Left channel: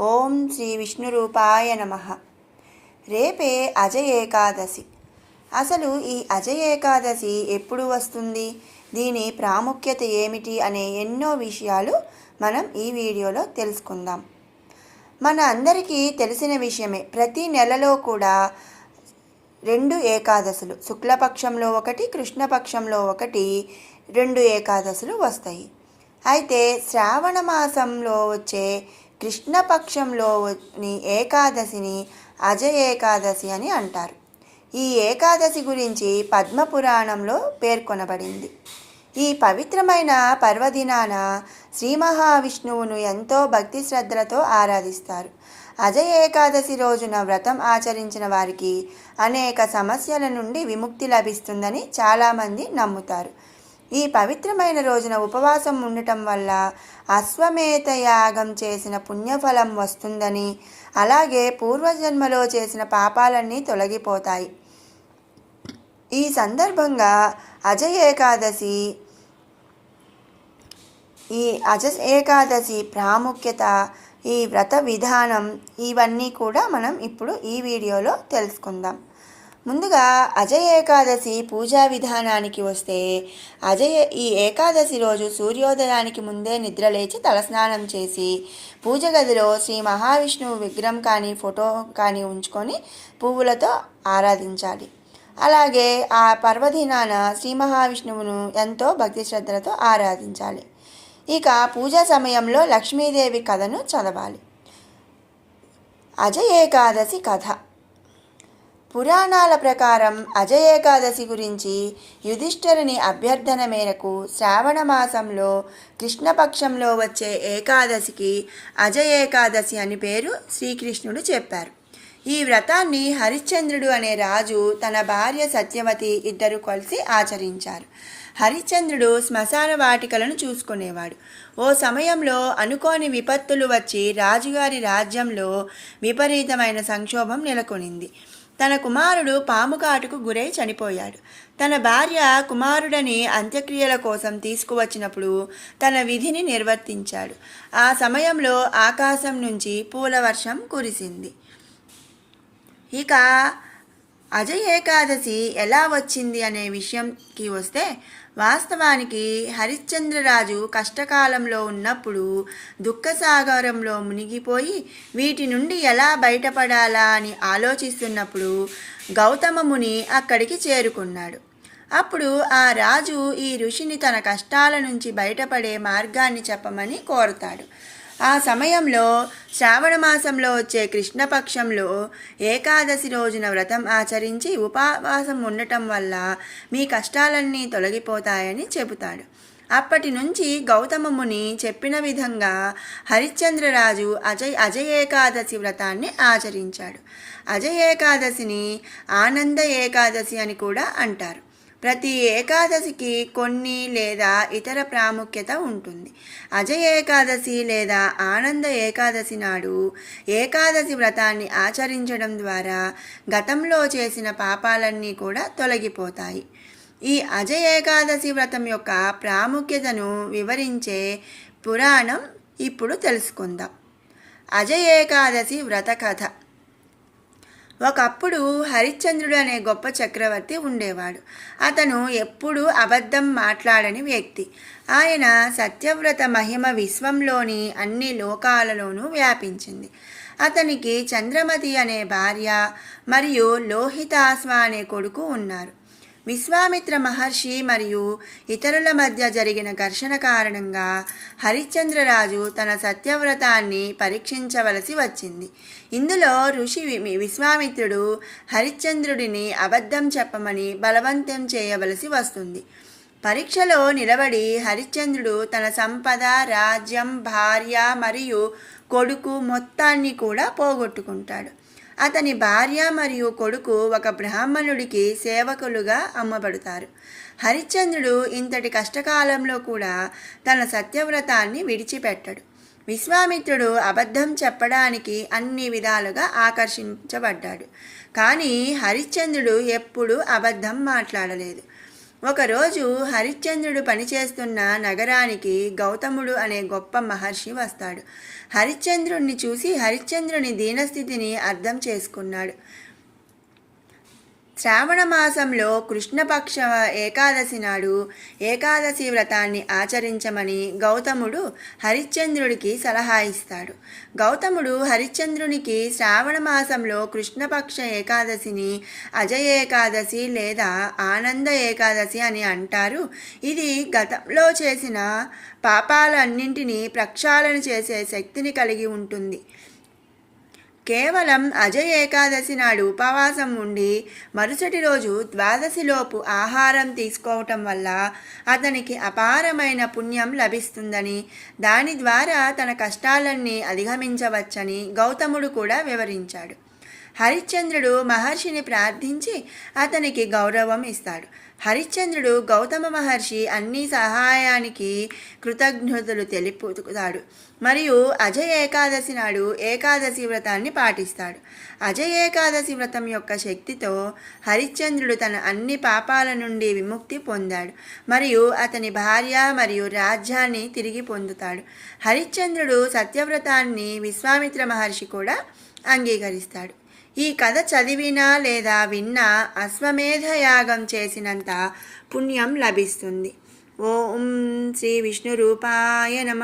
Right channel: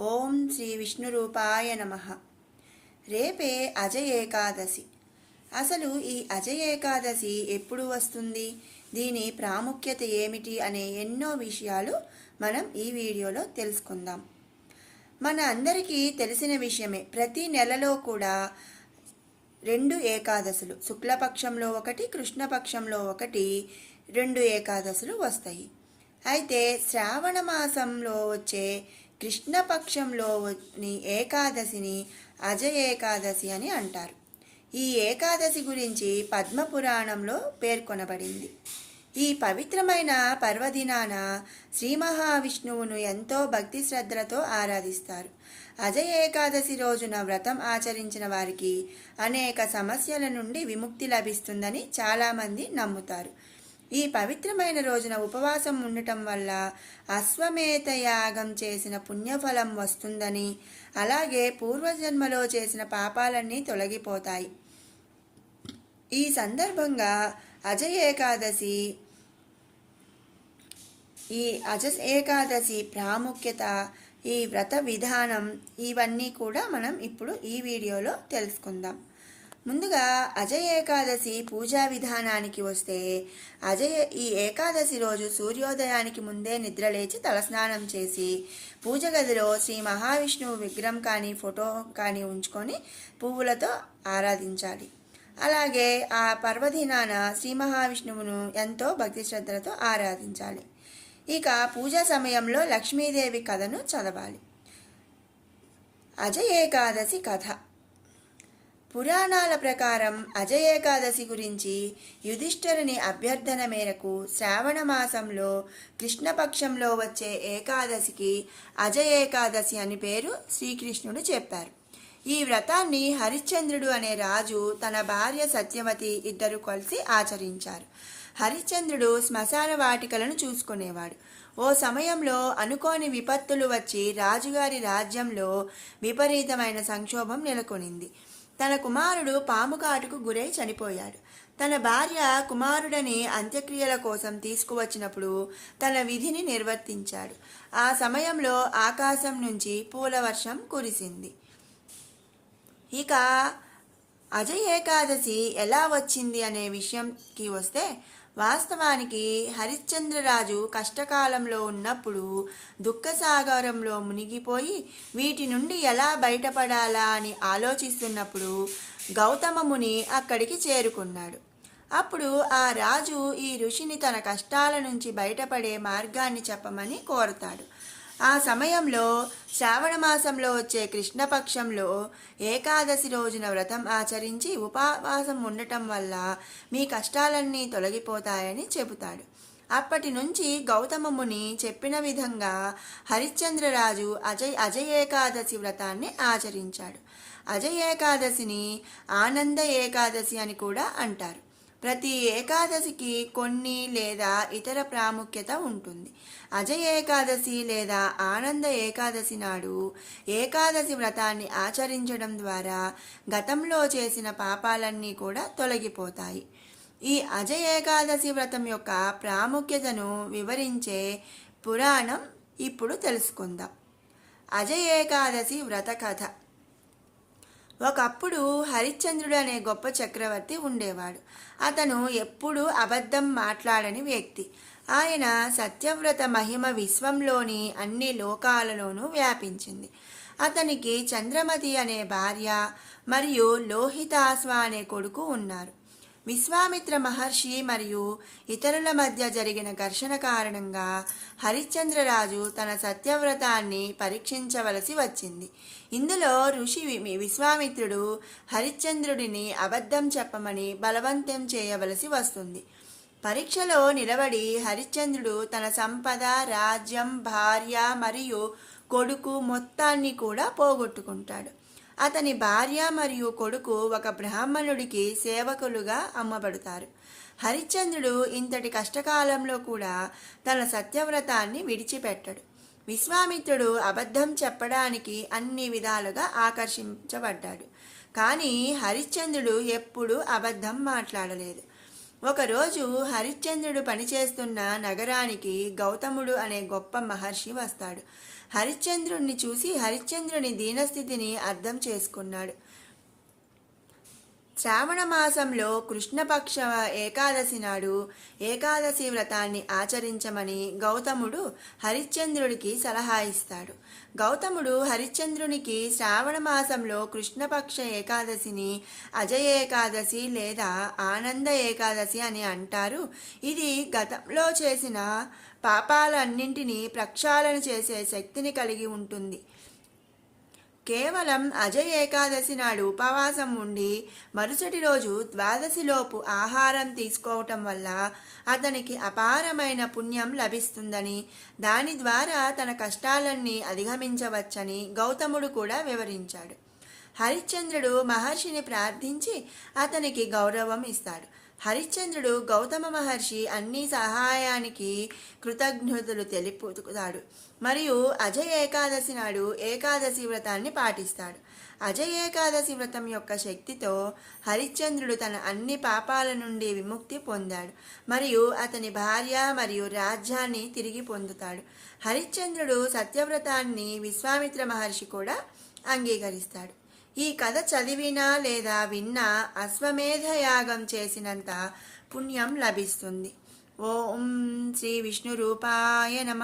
ఓం శ్రీ విష్ణు రూపాయ నమ. రేపే అజయ ఏకాదశి. అసలు ఈ అజయ ఏకాదశి ఎప్పుడు వస్తుంది? దీని ప్రాముఖ్యత ఏమిటి అనే ఎన్నో విషయాలు మనం ఈ వీడియోలో తెలుసుకుందాం. మన అందరికీ తెలిసిన విషయమే ప్రతి నెలలో కూడా రెండు ఏకాదశులు శుక్లపక్షంలో ఒకటి కృష్ణపక్షంలో ఒకటి రెండు ఏకాదశులు వస్తాయి. అయితే శ్రావణ మాసంలో వచ్చే కృష్ణపక్షంలోని ఏకాదశిని అజయ ఏకాదశి అని అంటారు. ఈ ఏకాదశి గురించి పద్మపురాణంలో పేర్కొనబడింది. ఈ పవిత్రమైన పర్వదినాన శ్రీ మహావిష్ణువును ఎంతో భక్తి శ్రద్ధలతో ఆరాధిస్తారు. అజయ ఏకాదశి రోజున వ్రతం ఆచరించిన వారికి అనేక సమస్యల నుండి విముక్తి లభిస్తుందని చాలామంది నమ్ముతారు. ఈ పవిత్రమైన రోజున ఉపవాసం ఉండటం వల్ల అశ్వమేధ యాగం చేసిన పుణ్యఫలం వస్తుందని అలాగే పూర్వజన్మలో చేసిన పాపాలన్నీ తొలగిపోతాయి. ఈ సందర్భంగా అజయ ఏకాదశి ఈ అజ ఏకాదశి ప్రాముఖ్యత ఈ వ్రత విధానం ఇవన్నీ కూడా మనం ఇప్పుడు ఈ వీడియోలో తెలుసుకుందాం. ముందుగా అజయ ఏకాదశి పూజా విధానానికి వస్తే అజయ ఈ ఏకాదశి రోజు సూర్యోదయానికి ముందే నిద్రలేచి తలస్నానం చేసి పూజ గదిలో శ్రీ మహావిష్ణువు విగ్రహం కానీ ఫోటో కానీ ఉంచుకొని పువ్వులతో ఆరాధించాలి. అలాగే ఆ పర్వదినాన శ్రీ మహావిష్ణువును ఎంతో భక్తి శ్రద్ధలతో ఆరాధించాలి. ఇక పూజా సమయంలో లక్ష్మీదేవి కథను చదవాలి. అజయ ఏకాదశి కథ. పురాణాల ప్రకారం అజయ ఏకాదశి గురించి యుధిష్ఠరుని అభ్యర్థన మేరకు శ్రావణ మాసంలో కృష్ణపక్షంలో వచ్చే ఏకాదశికి అజయ ఏకాదశి అని పేరు శ్రీకృష్ణుడు చెప్పారు. ఈ వ్రతాన్ని హరిశ్చంద్రుడు అనే రాజు తన భార్య సత్యవతి ఇద్దరు కలిసి ఆచరించారు. హరిశ్చంద్రుడు శ్మశాన వాటికలను చూసుకునేవాడు. ఓ సమయంలో అనుకోని విపత్తులు వచ్చి రాజుగారి రాజ్యంలో విపరీతమైన సంక్షోభం నెలకొనింది. తన కుమారుడు పాము కాటుకు గురై చనిపోయాడు. తన భార్య కుమారుడని అంత్యక్రియల కోసం తీసుకువచ్చినప్పుడు తన విధిని నిర్వర్తించాడు. ఆ సమయంలో ఆకాశం నుంచి పూల వర్షం కురిసింది. ఇక అజయ్ ఏకాదశి ఎలా వచ్చింది అనే విషయంకి వస్తే వాస్తవానికి హరిశ్చంద్రరాజు కష్టకాలంలో ఉన్నప్పుడు దుఃఖసాగరంలో మునిగిపోయి వీటి నుండి ఎలా బయటపడాలా అని ఆలోచిస్తున్నప్పుడు గౌతమ ముని అక్కడికి చేరుకున్నాడు. అప్పుడు ఆ రాజు ఈ ఋషిని తన కష్టాల నుంచి బయటపడే మార్గాన్ని చెప్పమని కోరుతాడు. ఆ సమయంలో శ్రావణ మాసంలో వచ్చే కృష్ణపక్షంలో ఏకాదశి రోజున వ్రతం ఆచరించి ఉపవాసం ఉండటం వల్ల మీ కష్టాలన్నీ తొలగిపోతాయని చెబుతాడు. అప్పటి నుంచి గౌతమముని చెప్పిన విధంగా హరిశ్చంద్రరాజు అజయ్ అజయ ఏకాదశి వ్రతాన్ని ఆచరించాడు. అజయ ఏకాదశిని ఆనంద ఏకాదశి అని కూడా అంటారు. ప్రతి ఏకాదశికి కొన్ని లేదా ఇతర ప్రాముఖ్యత ఉంటుంది. అజయ ఏకాదశి లేదా ఆనంద ఏకాదశి నాడు ఏకాదశి వ్రతాన్ని ఆచరించడం ద్వారా గతంలో చేసిన పాపాలన్నీ కూడా తొలగిపోతాయి. ఈ అజయ ఏకాదశి వ్రతం యొక్క ప్రాముఖ్యతను వివరించే పురాణం ఇప్పుడు తెలుసుకుందాం. అజయ ఏకాదశి వ్రత కథ. ఒకప్పుడు హరిశ్చంద్రుడు అనే గొప్ప చక్రవర్తి ఉండేవాడు. అతను ఎప్పుడూ అబద్ధం మాట్లాడని వ్యక్తి. ఆయన సత్యవ్రత మహిమ విశ్వంలోని అన్ని లోకాలలోనూ వ్యాపించింది. అతనికి చంద్రమతి అనే భార్య మరియు లోహితాస్వా అనే కొడుకు ఉన్నారు. విశ్వామిత్ర మహర్షి మరియు ఇతరుల మధ్య జరిగిన ఘర్షణ కారణంగా హరిశ్చంద్రరాజు తన సత్యవ్రతాన్ని పరీక్షించవలసి వచ్చింది. ఇందులో ఋషి వి- విశ్వామిత్రుడు హరిశ్చంద్రుడిని అబద్ధం చెప్పమని బలవంతం చేయవలసి వస్తుంది. పరీక్షలో నిలబడి హరిశ్చంద్రుడు తన సంపద రాజ్యం భార్య మరియు కొడుకు మొత్తాన్ని కూడా పోగొట్టుకుంటాడు. అతని భార్య మరియు కొడుకు ఒక బ్రాహ్మణుడికి సేవకులుగా అమ్మబడతారు. హరిశ్చంద్రుడు ఇంతటి కష్టకాలంలో కూడా తన సత్యవ్రతాన్ని విడిచిపెట్టడు. విశ్వామిత్రుడు అబద్ధం చెప్పడానికి అన్ని విధాలుగా ఆకర్షించబడ్డాడు. కానీ హరిశ్చంద్రుడు ఎప్పుడూ అబద్ధం మాట్లాడలేదు. ఒకరోజు హరిశ్చంద్రుడు పనిచేస్తున్న నగరానికి గౌతముడు అనే గొప్ప మహర్షి వస్తాడు. హరిశ్చంద్రుణ్ణి చూసి హరిశ్చంద్రుని దీనస్థితిని అర్థం చేసుకున్నాడు. శ్రావణ మాసంలో కృష్ణపక్ష ఏకాదశి నాడు ఏకాదశి వ్రతాన్ని ఆచరించమని గౌతముడు హరిశ్చంద్రుడికి సలహా ఇస్తాడు. గౌతముడు హరిశ్చంద్రునికి శ్రావణ మాసంలో కృష్ణపక్ష ఏకాదశిని అజయ ఏకాదశి లేదా ఆనంద ఏకాదశి అని అంటారు. ఇది గతంలో చేసిన పాపాలన్నింటినీ ప్రక్షాళన చేసే శక్తిని కలిగి ఉంటుంది. కేవలం అజయ్ ఏకాదశి నాడు ఉపవాసం ఉండి మరుసటి రోజు ద్వాదశిలోపు ఆహారం తీసుకోవటం వల్ల అతనికి అపారమైన పుణ్యం లభిస్తుందని దాని ద్వారా తన కష్టాలన్నీ అధిగమించవచ్చని గౌతముడు కూడా వివరించాడు. హరిశ్చంద్రుడు మహర్షిని ప్రార్థించి అతనికి గౌరవం ఇస్తాడు. హరిశ్చంద్రుడు గౌతమ మహర్షి అన్ని సహాయానికి కృతజ్ఞతలు తెలుపుతాడు. మరియు అజయ ఏకాదశి నాడు ఏకాదశి వ్రతాన్ని పాటిస్తాడు. అజయ ఏకాదశి వ్రతం యొక్క శక్తితో హరిశ్చంద్రుడు తన అన్ని పాపాల నుండి విముక్తి పొందాడు మరియు అతని భార్య మరియు రాజ్యాన్ని తిరిగి పొందుతాడు. హరిశ్చంద్రుడు సత్యవ్రతాన్ని విశ్వామిత్ర మహర్షి కూడా అంగీకరిస్తాడు. ఈ కథ చదివినా లేదా విన్నా అశ్వమేధ యాగం చేసినంత పుణ్యం లభిస్తుంది. ఓం శ్రీ విష్ణురూపాయ నమ.